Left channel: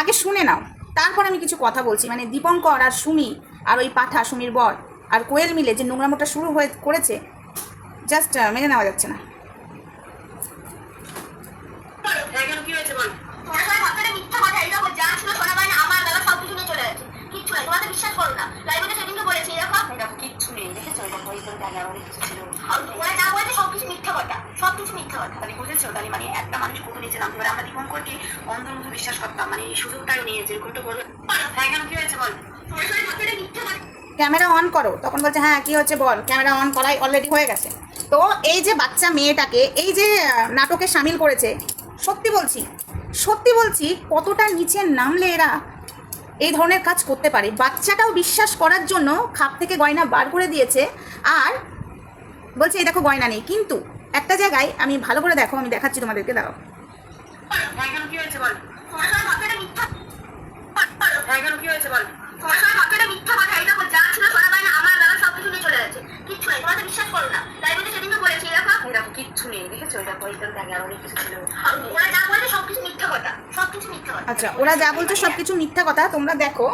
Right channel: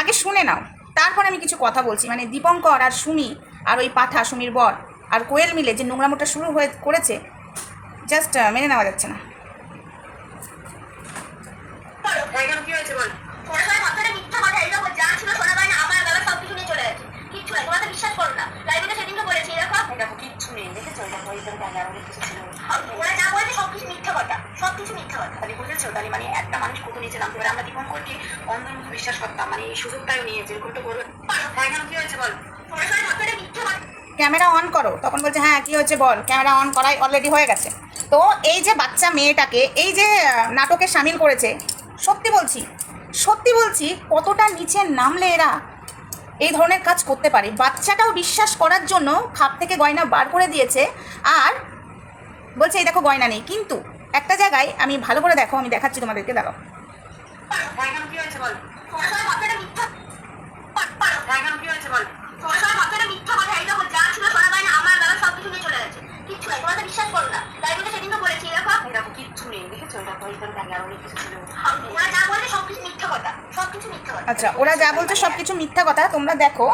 আগে শুনে নাও। তারপর আমি কিছু কথা বলছি। মানে দীপঙ্কর আর সুমি আর ওই পাঠা, সুমির বর আর কোয়েল মিলে যে নোংরামোটা শুরু হয়ে করেছে জাস্ট মেনে নেওয়া যাচ্ছে না। না মানে একটা মানুষ কত নিচে মানে এই সুযোগটাও বল ক্যামেরা অন করো। তখন বলছে হ্যাঁ কি হচ্ছে বল? ক্যামেরা অন করাই অলরেডি হয়ে গেছে। তো এই যে বাচ্চা মেয়েটাকে, এই যে নাটকে সামিল করেছে, সত্যি বলছি সত্যি বলছি, কতটা নিচে নামলে এরা এই ধরনের কাজ করতে পারে। বাচ্চাটাও বিশ্বাস করার জন্য খাপ থেকে গয়না বার করে দিয়েছে আর বলছে, এই দেখো, গয়না নেই। কিন্তু একটা জায়গায় আমি ভালো করে দেখো, আমি দেখাচ্ছি তোমাদেরকে, দাঁড়াও। কি হয়েছে বল তোমার বল তোমার কিচ্ছু নাই তোমাকে বিশ্বাস করো না লাইব্রেরিতে সেদিনকে বলেছি এরকম এই দেখো কিচ্ছু নেই দেখেছ কিছু ছিল ওরা যা বলেছে সব কিছু মিথ্যা কথা সব কিছু মিথ্যা কথা আচ্ছা ওরা যা বলছে সব কিছু মিথ্যা কথা। তোমরা দেখো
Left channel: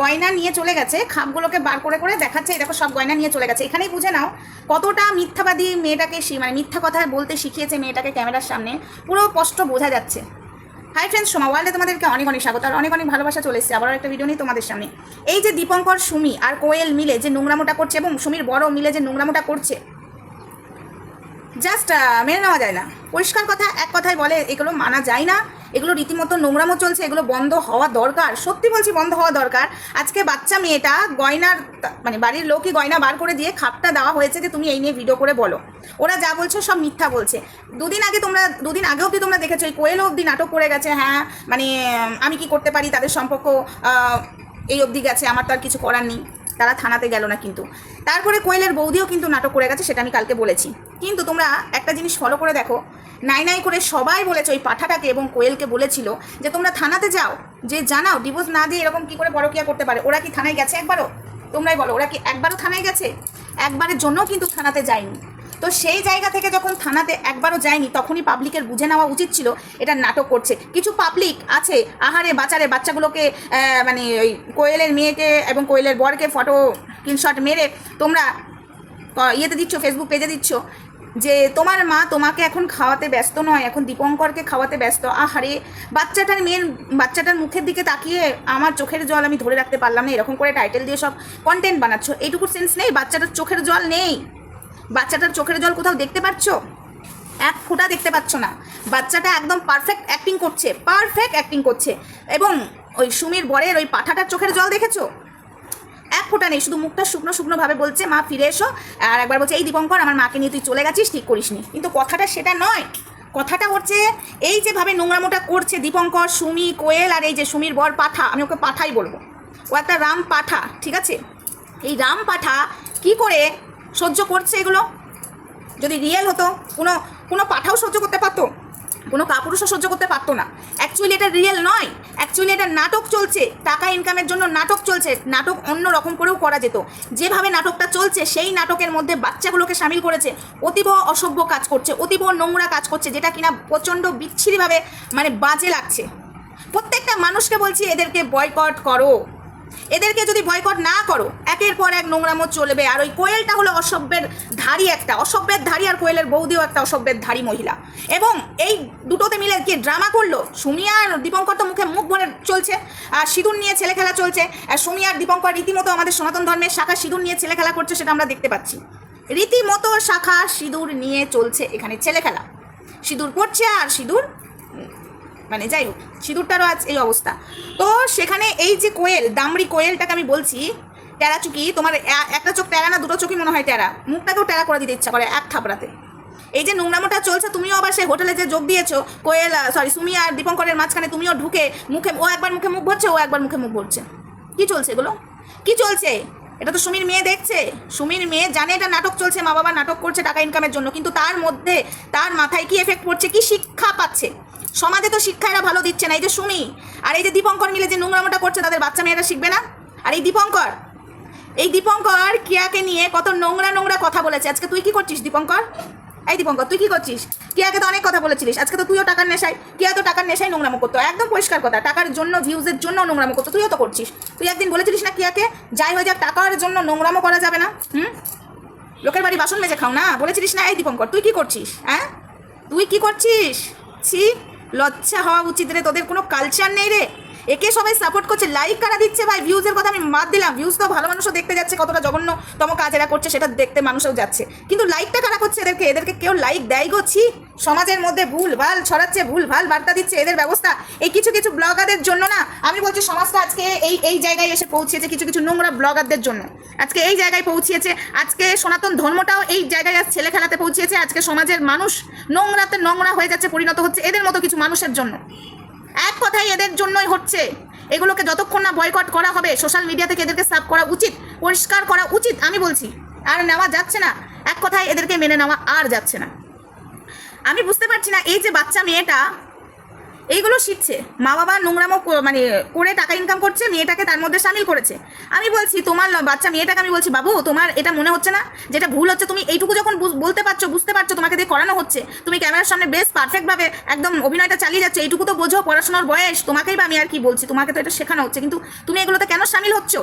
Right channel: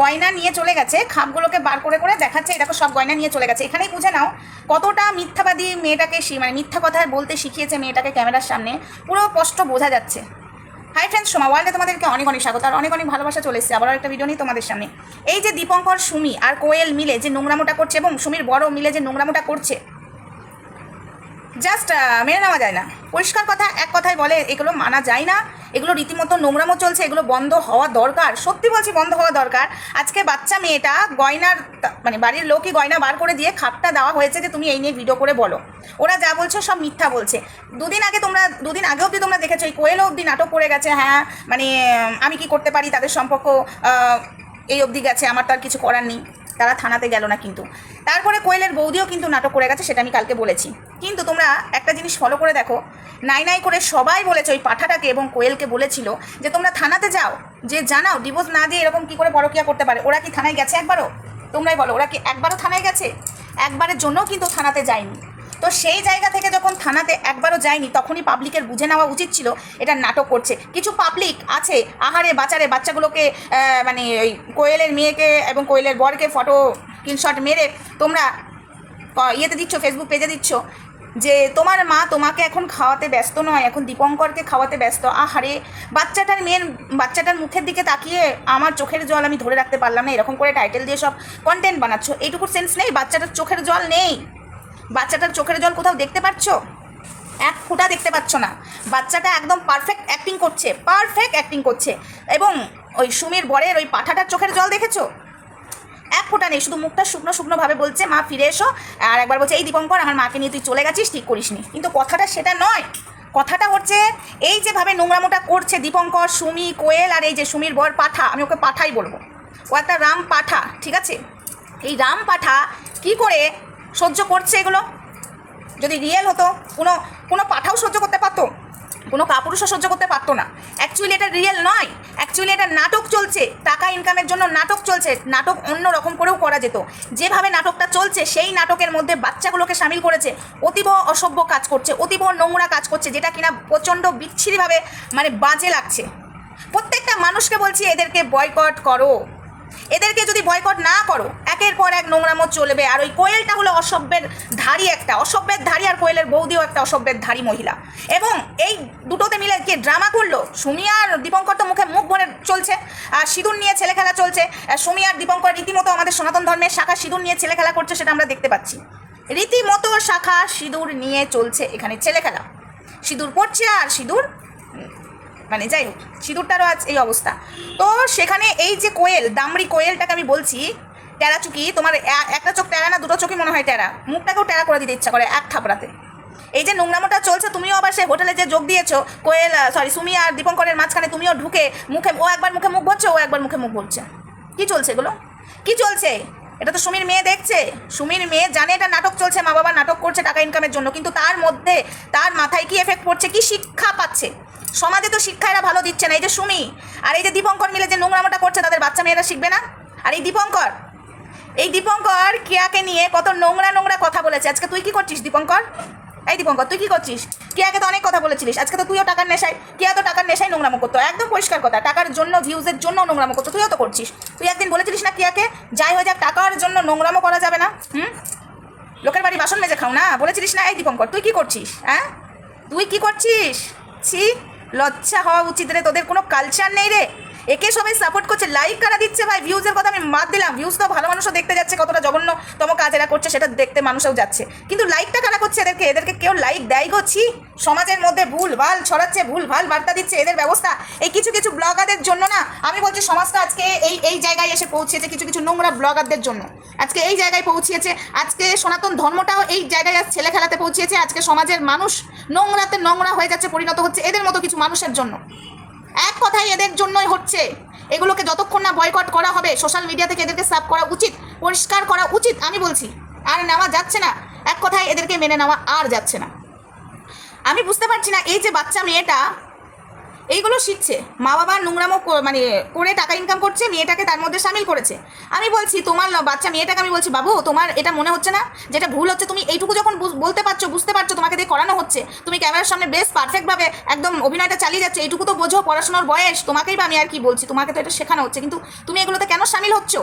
গয়না নিয়ে চলে গেছে, খাপগুলোকে বার করে করে দেখাচ্ছে। দেখো, সব গয়না নিয়ে চলে গেছে। এখানেই বুঝে নাও কতটা মিথ্যাবাদী মেয়েটাকে মানে মিথ্যা কথা বলতে শিখিয়েছে মেয়েটাকে ক্যামেরার সামনে। পুরো স্পষ্ট বোঝা যাচ্ছে। হাই ফ্রেন্ডস সোমা ওয়ার্ল্ডে তোমাদেরকে অনেক অনেক স্বাগত আর অনেক অনেক ভালোবাসা চলে এসেছে। আবার একটা ভিডিও নিয়ে তোমাদের সামনে। এই যে দীপঙ্কর, সুমি আর কোয়েল মিলে যে নোংরামোটা করছে এবং সুমির বড় মিলে যে নোংরামোটা করছে জাস্ট মেনে নেওয়া যায় না। পরিষ্কার কথা, এক কথায় বলে এগুলো মানা যায় না। এগুলো রীতিমতো নোংরামো চলছে, এগুলো বন্ধ হওয়া দরকার। সত্যি বলছি, বন্ধ হওয়া দরকার। আজকে বাচ্চা মেয়েটা গয়নার মানে বাড়ির লোকই গয়না বার করে দিয়ে খাপটা দেওয়া হয়েছে যে তুমি এই নিয়ে ভিডিও করে বলো। ওরা যা বলছো সব মিথ্যা বলছে। দুদিন আগে তোমরা, দুদিন আগে অবধি তোমরা দেখেছ, এই কোয়েলও অবধি নাটক করে গেছে হ্যাঁ মানে আমি কি করতে পারি, তাদের সম্পর্ক এই অবধি গেছে, আমার তো আর কিছু করার নেই। তারা থানাতে গেল না কিন্তু। তারপরে কোয়েলের বৌদিও কিন্তু নাটক করে গেছে, সেটা আমি কালকে বলেছি। কিন্তু তোমরা একটা জিনিস ফলো করে দেখো, নাই নাই করে সবাই বলেছে ওই পাঠাটাকে এবং কোয়েলকে বলেছিল যে, তোমরা থানাতে যাও, যে জানাও ডিভোর্স না দিয়ে এরকম কী করে পরকিয়া করতে পারে, ওরা কি থানায় গেছে একবারও? তোমরাই বলো, ওরা কি একবারও থানায় গেছে? একবারের জন্যও কিন্তু থানাতে যায়নি। তো সেই জায়গা থেকে যখন থানাতে একবারও যায়নি, তখনই পাবলিকের বুঝে নেওয়া উচিত ছিল এটা নাটক করছে। কিছু পাবলিক আছে, আহারে বাচ্চারে বাচ্চাগুলোকে মানে ওই কোয়েলের মেয়েকে এবং কোয়েলের বরকে ফটো স্ক্রিনশট মেরে তোমরা ইয়েতে দিচ্ছ ফেসবুক পেজে দিচ্ছ যে তোমার মা তোমাকে এখন খাওয়াতে ব্যস্ত নয়, এখন দীপঙ্করকে খাওয়াতে ব্যস্ত। আহারে, বাচ্চাটার মেয়ের বাচ্চাটার মুখের দিকে তাকিয়ে আমার চোখের জল আমি ধরে রাখতে পারলাম না, এরকম করে টাইটেল দিয়ে সব কন্টেন্ট বানাচ্ছ। এইটুকুর সেন্স নেই? বাচ্চাটার চোখের জল নেই? বাচ্চাটার চোখের জল কোথাও দেখতে পাচ্ছ? এক ফোঁটা দেখতে পাচ্ছ না। বাচ্চাটা একদম পারফেক্ট অ্যাক্টিং করছে পারফেক্ট অ্যাক্টিং করছে। এবং ওই সুমির বরের ওই পাঠাটার চোখের জল দেখেছ? এক ফোঁটা নেই, শুধু মুখটা শুকনো শুকনোভাবে বলছে, মা, ফিরে এসো। আর একবার বলছে, এই দীপঙ্কর, আমার মাকে নিয়ে তুই চলে গেছিস? ঠিক করিসনি। কিন্তু কথাটা সেটা নয়। কথাটা হচ্ছে, এই যেভাবে নোংরামোটা করছে দীপঙ্কর, সুমি, কোয়েল আর এই যে সুমির বর পাঠা, আমি ওকে পাঠাই বলব। ও একটা রাম পাঠা, ঠিক আছে? এই রাম পাঠা কি করে সহ্য করছে এগুলো? যদি রিয়েল হতো, কোনো কোনো পাঠাও সহ্য করতে পারতো? কোনো কাপুরুষও সহ্য করতে পারতো না। অ্যাকচুয়ালি এটা রিয়েল নয়। অ্যাকচুয়ালি এটা নাটক চলছে। টাকা ইনকামের জন্য নাটক চলছে। নাটক অন্য রকম করেও করা যেত। যেভাবে নাটকটা চলছে, সেই নাটকের মধ্যে বাচ্চাগুলোকে সামিল করেছে। অতীব অসভ্য কাজ করছে, অতীব নোংরা কাজ করছে, যেটা কিনা প্রচণ্ড বিচ্ছিরিভাবে মানে বাজে লাগছে। প্রত্যেকটা মানুষকে বলছি, এদেরকে বয়কট করো। এদেরকে যদি বয়কট না করো, একের পর এক নোংরামো চলবে। আর ওই কোয়েলটা হলো অসভ্যের ধারী একটা, অসভ্যের ধারী আর কোয়েলের বৌদিও একটা অসভ্যের ধারী মহিলা। এবং এই দুটোতে মিলে কে ড্রামা করল? সুমি আর দীপঙ্কর তো মুখে মুখ ভরে চলছে। আর সিঁদুর নিয়ে ছেলে খেলা চলছে। সুমি আর দীপঙ্কর রীতিমতো আমাদের সনাতন ধর্মের শাখা সিঁদুর নিয়ে ছেলে খেলা করছে সেটা আমরা দেখতে পাচ্ছি। রীতিমতো শাখা সিঁদুর নিয়ে চলছে এখানে ছেলে খেলা। সিঁদুর পড়ছে আর সিঁদুর মানে যাই হোক, সিঁদুরটারও আজ এই অবস্থা। তো সেখানে এই যে কোয়েল, দামড়ি কোয়েলটাকে আমি বলছি টেরা চুকি, তোমার একটা চোখ টেরা না, দুটো চোখই মনে হয় টেরা মুখটাকেও টেরা করে দিতে ইচ্ছা করে এক থাপড়াতে। এই যে নোংরামোটা চলছে, তুমিও আবার সেই হোটেলে যে যোগ দিয়েছ, কোয়েল সরি সুমি আর দীপঙ্করের মাঝখানে তুমিও ঢুকে মুখে, ও একবার মুখে মুখ ভরছে ও একবার মুখে মুখ ভরছে কি চলছে এগুলো? কি চলছে? এটা তো সুমির মেয়ে দেখছে। সুমির মেয়ে জানে এটা নাটক চলছে, মা বাবা নাটক করছে টাকা ইনকামের জন্য, কিন্তু তার মধ্যে, তার মাথায় কি এফেক্ট পড়ছে, কি শিক্ষা পাচ্ছে? সমাজে তো শিক্ষা এরা ভালো দিচ্ছে না। এই যে সুমি, আর এই যে দীপঙ্কর মিলে যে নোংরামোটা করছে, তাদের বাচ্চা মেয়েরা শিখবে না? আর এই দীপঙ্কর এই দীপঙ্কর কেয়াকে নিয়ে কত নোংরা নোংরা কথা বলেছে। আজকে তুই কি করছিস দীপঙ্কর? এই দীপঙ্কর, তুই কি করছিস? কেয়াকে তো অনেক কথা বলেছিলিস। আজকে তো তুইও টাকার নেশায় কেয়া তো টাকার নেশায় নোংরামো করতো। একদম পরিষ্কার কথা, টাকার জন্য ভিউজের জন্য নোংরামো করতো। তুইও তো করছিস। তুই একদিন বলেছিলিস না কেয়াকে যাই হয়ে যাক, টাকার জন্য নোংরামো করা যাবে না। হুম? লোকের বাড়ি বাসন মেজে খাও না। বলেছিলিস না, এই দীপঙ্কর, তুই কি করছিস হ্যাঁ? তুই কি করছিস? ছি। লজ্জা হওয়া উচিত রে তোদের কোনো কালচার নেই রে? একে সবাই সাপোর্ট করছে লাইক কারা দিচ্ছে ভাই? ভিউজের কথা আমি মাত দিলাম। ভিউজ তো ভালো মানুষও দেখতে যাচ্ছে, কতটা জঘন্যতম কাজ এরা করছে, সেটা দেখতে মানুষও যাচ্ছে। কিন্তু লাইকটা কারা করছে এদেরকে? এদেরকে কেউ লাইক দেয় গো, ছি। সমাজের মধ্যে ভুল ভালো ছড়াচ্ছে, ভুল ভালো বার্তা দিচ্ছে এদের ব্যবস্থা। এই কিছু কিছু ব্লগারদের জন্য না, আমি বলছি সমাজটা আজকে এই এই জায়গায় এসে পৌঁছেছে কিছু কিছু নোংরা ব্লগারদের জন্য। আজকে এই জায়গায় পৌঁছিয়েছে আজকে সনাতন ধর্মটাও এই জায়গায় আজ ছেলে খেলাতে পৌঁছিয়েছে আজকে সমাজের মানুষ নোংরাতে নোংরা হয়ে যাচ্ছে, পরিণত হচ্ছে এদের মতো কিছু মানুষের জন্য। এক কথাই এদের জন্যই হচ্ছে। এগুলোকে যতক্ষণ না বয়কট করা হবে সোশ্যাল মিডিয়া থেকে এদেরকে সাফ করা উচিত, পরিষ্কার করা উচিত, আমি বলছি। আর নেওয়া যাচ্ছে না। এক কথায় এদেরকে মেনে নেওয়া আর যাচ্ছে না। আমি বুঝতে পারছি না, এই যে বাচ্চা মেয়েটা এইগুলো শিখছে। মা বাবা নোংরামো মানে করে টাকা ইনকাম করছে, মেয়েটাকে তার মধ্যে সামিল করেছে। আমি বলছি, তোমার বাচ্চা মেয়েটাকে আমি বলছি, বাবু, তোমার এটা মনে হচ্ছে না? যেটা ভুল হচ্ছে, তুমি এইটুকু যখন বলতে পারছ, বুঝতে পারছ, তোমাকে দিয়ে করানো হচ্ছে, তুমি ক্যামেরার সামনে বেশ পারফেক্টভাবে একদম অভিনয়টা চালিয়ে যাচ্ছে, এইটুকু তো বোঝো, পড়াশোনার বয়স, তোমাকেই বা আমি আর কি বলছি, তোমাকে তো এটা শেখানো হচ্ছে, কিন্তু তুমি এগুলোতে কেন সামিল হচ্ছ?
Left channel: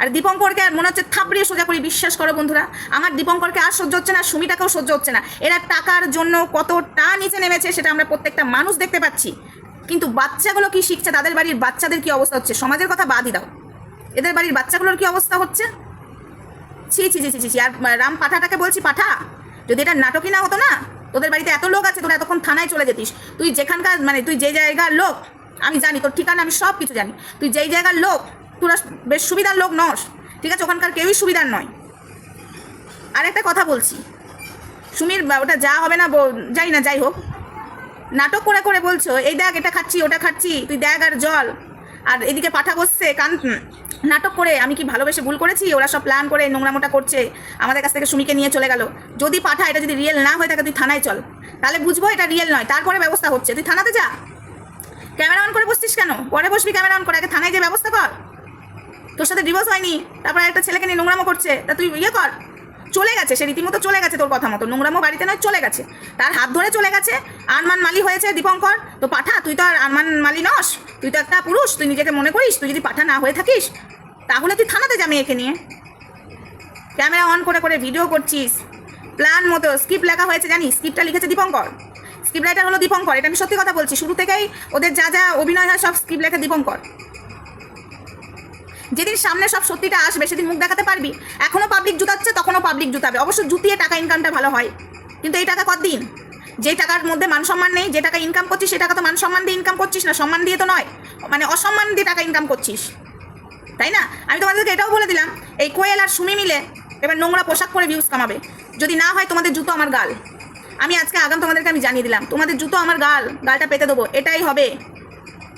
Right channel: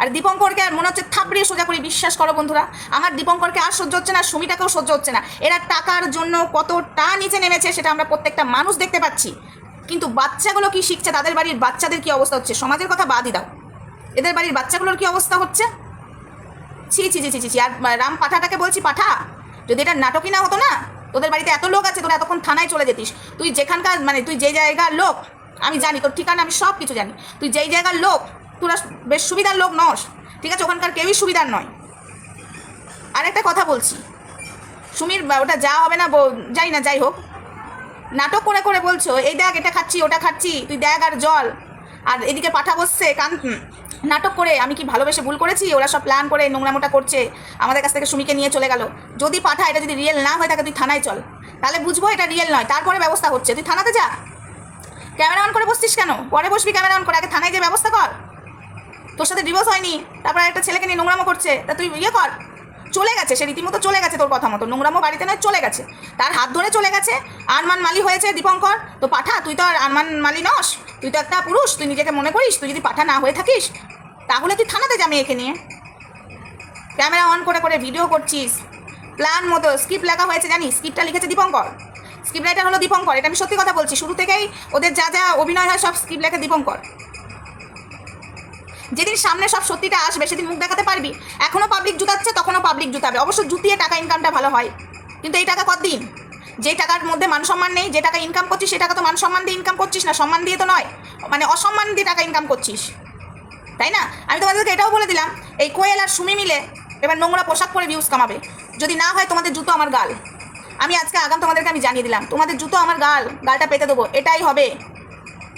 আর দীপঙ্করকে মনে হচ্ছে থাপড়িয়ে সোজা করে বিশ্বাস করো বন্ধুরা। আমার দীপঙ্করকে আর সহ্য হচ্ছে না সুমিটাকেও সহ্য হচ্ছে না। এরা টাকার জন্য কতটা নিচে নেমেছে সেটা আমরা প্রত্যেকটা মানুষ দেখতে পাচ্ছি। কিন্তু বাচ্চাগুলো কি শিখছে? তাদের বাড়ির বাচ্চাদের কি অবস্থা হচ্ছে? সমাজের কথা বাদই দাও। এদের বাড়ির বাচ্চাগুলোর কি অবস্থা হচ্ছে? ছি ছি ছি ছি ছি। আর রাম পাঠাটাকে বলছি, পাঠা, যদি এটা নাটকই না হতো না, তোদের বাড়িতে এত লোক আছে, তোরা এতক্ষণ থানায় চলে যেতিস। তুই যেখানকার মানে তুই যে জায়গার লোক, আমি জানি, তোর ঠিকানা আমি সব কিছু জানি। তুই যেই জায়গার লোক তোরা বেশ সুবিধার লোক নস, ঠিক আছে? ওখানকার কেউই সুবিধার নয়। আর একটা কথা বলছি। সুমির ওটা যা হবে না যাই না, যাই হোক। নাটক করে করে বলছো, এই দেখ, এটা খাচ্ছি, ওটা খাচ্ছি, তুই দেখ আর জল। আর এদিকে পাঠা বসছে, কান নাটক করে, আমি কি ভালোবেসে ভুল করেছি? ওরা সব প্ল্যান করে, নোংরামোটা করছে, আমাদের কাছ থেকে সুমিকে নিয়ে চলে গেল। যদি পাঠা এটা যদি রিয়েল না হয়ে থাকে তুই থানায় চল। তাহলে বুঝব এটা রিয়েল নয়। তারপরে ব্যবস্থা হচ্ছে। তুই থানাতে যা। ক্যামেরা অন করে বসছিস কেন? পরে বসবি ক্যামেরা অন করে। আগে থানায় যে ব্যবস্থা কর। তোর সাথে ডিভোর্স হয়নি, তারপরে একটা ছেলেকে নিয়ে নোংরামো করছে, তা তুই ইয়ে কর। চলে গেছে সে, রীতিমতো চলে গেছে তোর কথা মতো। নোংরামো বাড়িতে নয়, চলে গেছে। তার হাত ধরে চলে গেছে। আরমান মালি হয়েছে, দীপঙ্কর। তো পাঠা, তুই তো আর আরমান মালি নস। তুই তো একটা পুরুষ, তুই নিজেকে মনে করিস, তুই যদি পাঠা না হয়ে থাকিস, তাহলে তুই থানাতে যা মেয়েকে নিয়ে। ক্যামেরা অন করে করে ভিডিও করছিস। প্ল্যান মতো স্ক্রিপ্ট লেখা হয়েছে, জানিস? স্ক্রিপ্টটা লিখেছে দীপঙ্কর। স্ক্রিপ্ট রাইটার হলো দীপঙ্কর, এটা আমি সত্যি কথা বলছি। শুরু থেকেই ওদের যা যা অভিনয় হয়, সব স্ক্রিপ্ট লেখে দীপঙ্কর। যেদিন সামনে সব সত্যিটা আসবে, সেদিন মুখ দেখাতে পারবি? এখনও পাবলিক জুতাচ্ছে তখনও পাবলিক জুতাবে। অবশ্য জুতিয়ে টাকা ইনকামটা ভালো হয়। কিন্তু এই টাকা কতদিন? যে টাকার মধ্যে মান সম্মান নেই, যে টাকা ইনকাম করছিস সে টাকা তো মান সম্মান দিয়ে ইনকাম করছিস না, সম্মান দিয়ে তো নয়। মানে অসম্মান দিয়ে টাকা ইনকাম করছিস। তাই না? আমি তোমাদেরকে এটাও বলে দিলাম, এই কোয়েল আর সুমি মিলে এবার নোংরা পোশাক পরে ভিউজ কামাবে। যদি না হয় তোমাদের জুতো আমার গাল। আমি আজকে আগাম তোমাদেরকে আমি জানিয়ে দিলাম, তোমাদের জুতো আমার গাল, গালটা পেতে দেবো, এটাই হবে।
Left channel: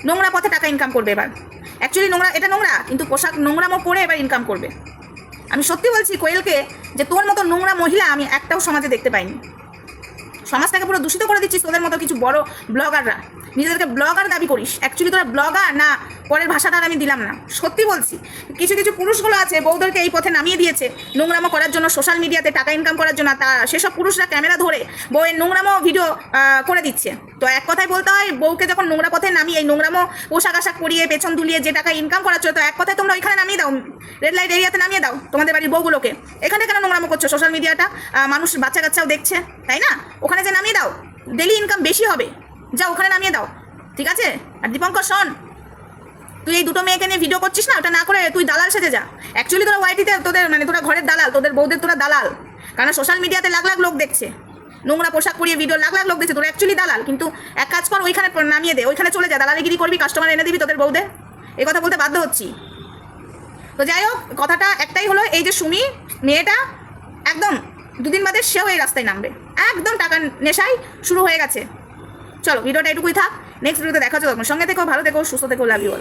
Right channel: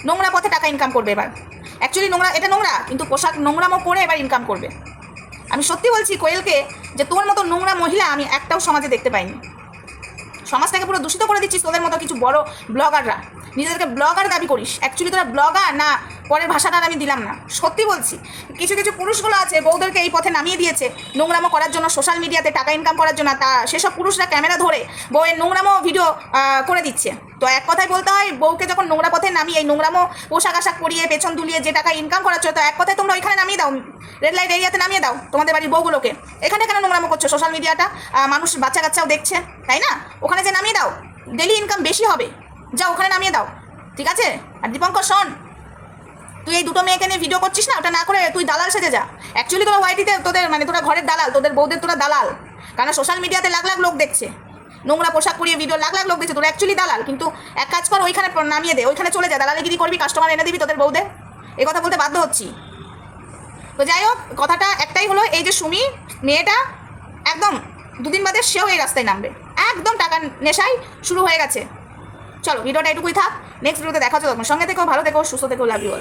নোংরা পথে টাকা ইনকাম করবে এবার। অ্যাকচুয়ালি নোংরা, এটা নোংরা, কিন্তু পোশাক নোংরামো পরে এবার ইনকাম করবে। আমি সত্যি বলছি কোয়েলকে যে তোর মতো নোংরা মহিলা আমি একটাও সমাজে দেখতে পাইনি। সমাজটাকে পুরো দূষিত করে দিচ্ছিস তোদের মতো কিছু বড় ব্লগাররা। নিজেদেরকে ব্লগার দাবি করিস। অ্যাকচুয়ালি তোরা ব্লগার না, পরের ভাষাটা আমি দিলাম না। সত্যি বলছি, কিছু কিছু পুরুষগুলো আছে বউদেরকে এই পথে নামিয়ে দিয়েছে, নোংরামো করার জন্য সোশ্যাল মিডিয়াতে টাকা ইনকাম করার জন্য তা সেসব পুরুষরা ক্যামেরা ধরে বউয়ের নোংরামো ভিডিও করে দিচ্ছে। তো এক কথায় বলতে হয়, বউকে যখন নোংরা পথে নামিয়ে এই নোংরামো পোশাক আশাক পরিয়ে পেছন দুলিয়ে যে টাকা ইনকাম করাচ্ছ, তো এক কথায় তোমরা ওইখানে নামিয়ে দাও রেড লাইট এরিয়াতে নামিয়ে দাও, তোমাদের বাড়ির বউগুলোকে। এখানে কেন নোংরামো করছ সোশ্যাল মিডিয়াটা মানুষ বাচ্চা কাচ্চাও দেখছে, তাই না? ওখানে যে নামিয়ে দাও ডেলি ইনকাম বেশি হবে। যা, ওখানে নামিয়ে দাও। ঠিক আছে? আর দীপঙ্কর, শোন। তুই এই দুটো মেয়েকে নিয়ে ভিডিও করছিস না? ওটা না করে তুই দালাল সেজে যা। অ্যাকচুয়ালি তোরা ওয়াইটিতে তোদের মানে তোরা ঘরের দালাল, তোদের বউদের তোরা দালাল। কারণ সোশ্যাল মিডিয়াতে লাখ লাখ লোক দেখছে। নোংরা পোশাক পরিয়ে ভিডিও লাখ লাখ লোক দেখছে। তোরা অ্যাকচুয়ালি দালাল। কিন্তু এক কাজ কর, ওইখানে নামিয়ে দে। ওইখানে চলে যা। দালালিগিরি করবি কাস্টমার এনে দিবি তোদের বউদের। এই কথা বলতে বাধ্য হচ্ছি। তো যাই হোক, কথাটা একটাই হলো, এই যে সুমি, মেয়েটা, একদম দুদিন বাদে সেও এই রাস্তায় নামবে। একদম টাকার নেশাই শুরু হয়ে গেছে। চলো, ভিডিওটা এটুকুই থাক। নেক্সট ভিডিওতে দেখা যাবে সঙ্গে থেকেও ভালো থেকো, সুস্থ থেকো লাভ ইউ